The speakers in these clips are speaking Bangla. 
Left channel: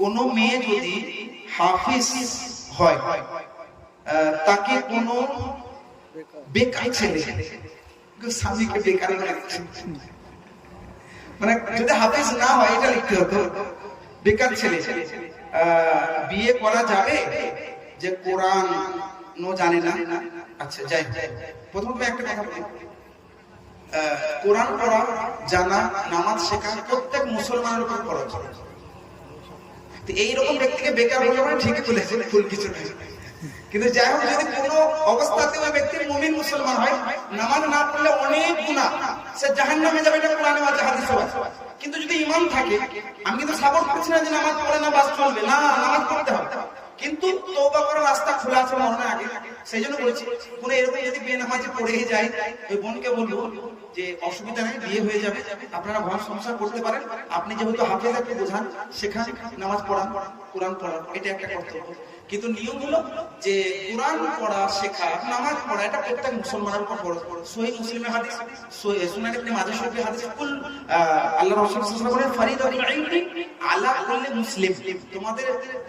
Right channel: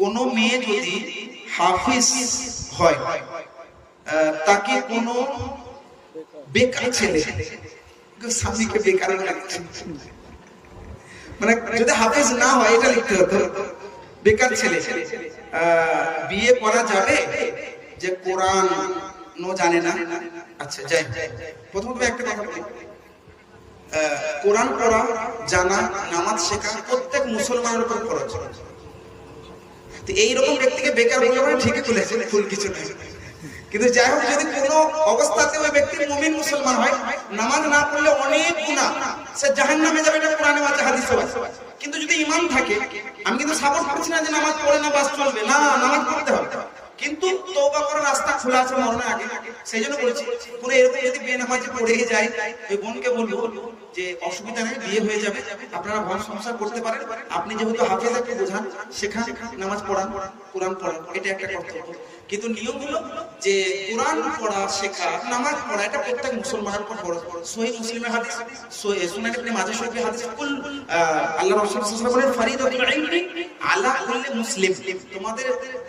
কোনো মেয়ে যদি হাফিজ হয় তাকে কোনো বেকার ছেলে স্বামীকে বেকার মানে যদি হাফিজ না হয় এটা লিখতে হতো, বেকার ছেলে বিয়ে করা যাবে যে কোরআন জানে না? আচ্ছা যাই, প্রথম একটা কথা বলি, কোরআন পড়া জানা, নামাজ শেখা প্রত্যেক মুসলমানের উপর ফরজ। তো এইরকম ব্যক্তিকে বেকার বলে মানে ঠিকই তুলেছে, ভুল কিছু নেই। কিন্তু যাই হোক, যদি কোনো অবস্থাতে ওই ব্যক্তির মুমিন মুসলমান হয়, নামাজ না পড়লে অনেক গুনাহ, সে জাহান্নামে যাবে, এটা কোরআনে আছে, হাদিসে আছে। কিন্তু যদি ঈমান থাকে, আমি কিন্তু সাপোর্ট করছি না যে নামাজ পড়ে না বাস চলবে, না, নামাজ পড়তে হবে, কিন্তু তওবা করার রাস্তা খোলা আছে মরণের আগে। সেই জন্য বলছি, পুরো এরকম যদি বিয়ে না হয় যে পড়েই যায়, ওই বোনকে বলবো যে অসুবিধা নেই, বিয়ে হয়ে যাবে, আপনারা ঘর সংসার করতে পারেন। আপনি যেহেতু হাফেজাকে বোঝান, শেখান, নামাজ পড়ান, কোরআন পড়ান, এটা একটা কর্তব্য। কিন্তু নিয়ম হলো যে কোরআন পড়া, শেখা, নামাজ পড়া এটা প্রত্যেক মুসলমানের উপর ফরজ। সহিহ মুসলিমের হাদিস, সুনান ইবনে মাজাহ শরীফের হাদিস, কুল আল্লাহ রাসূল সাল্লাল্লাহু আলাইহি ওয়াসাল্লাম বলেন, ফারিদাতুল ইলমি আলা কুল্লি মুসলিম, তোমাদের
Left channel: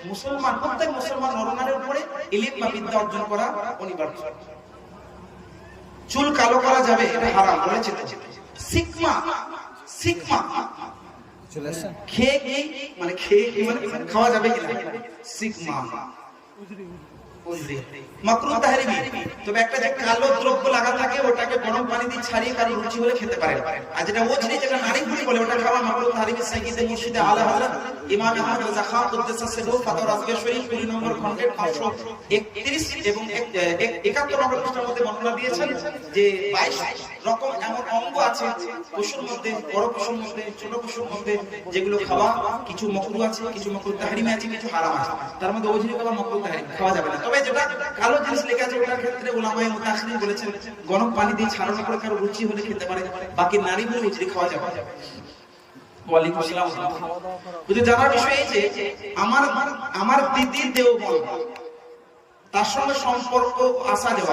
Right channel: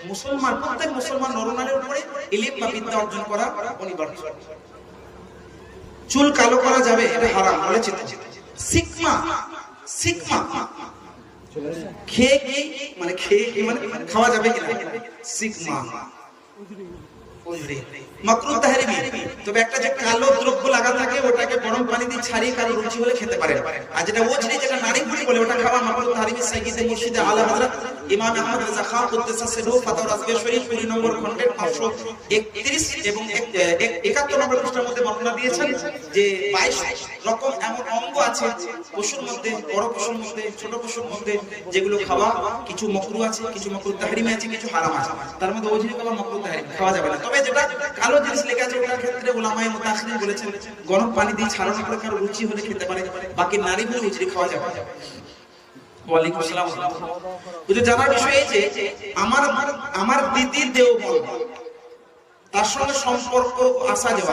মুসলমান, প্রত্যেক মুসলমান নরনারীর উপরে ইলম বা বিদ্যা অর্জন করা অনিবার্য। চুল কালো করা যাবে, এটা হারাম বলেছে। সিকমা, সিকমা খেয়ে কি মানে খাওয়া যাবে কিনা? সিকমা মাকরুহ তাহরিমি, তবে একটা যে কালো দ্রব্য লাগা থাকে ওটাকে গরম পানি দিয়ে ছাড়িয়ে কারো রুচি হলে খেতে পারে। আর যেটা ওজরি, যেটা নারী ঘুরি বলে, ওটা খাওয়া মাকরুহ তাহরিমি। সাইয়্যিদে মুর্শিদে আলা হযরত ইমাম আহমদ রাজা খান কুদ্দুস সিররুহু ফাতওয়া রাজবিয়া শরীফ 2 নম্বর খণ্ডে 531 এবং 71 নম্বর পৃষ্ঠার মধ্যে বর্ণনা দিয়েছেন যে 22 রকম এমন অঙ্গ আছে পশুর মধ্যে, বড় পশুর মধ্যে, ছোট পশুর মধ্যে, যেগুলো খাওয়া কিছু মাকরুহ আছে, কিছু মাকরুহ তাহরিমি আছে, কিছু হারাম আছে। তার মধ্যে ওজরি খাওয়া মাকরুহ তাহরিমি, খাওয়া যাবে না। তবে যেটা কালো জিনিস লেখা আছে ওটার ক্ষেত্রে উলামায়ে মুতাসিরিন বলেছেন গরম পানি দিয়ে ছাড়ানো করে কারো রুচি হলে খেতে পারে, বাকি নারী বলে রুচি খাওয়া যাবে। ওয়ালাইকুম আসসালাম। কিন্তু জানার বিষয় এই যে আমার দিদির দেওবন্দ, তার সঙ্গে সম্পর্ক আসা যাওয়া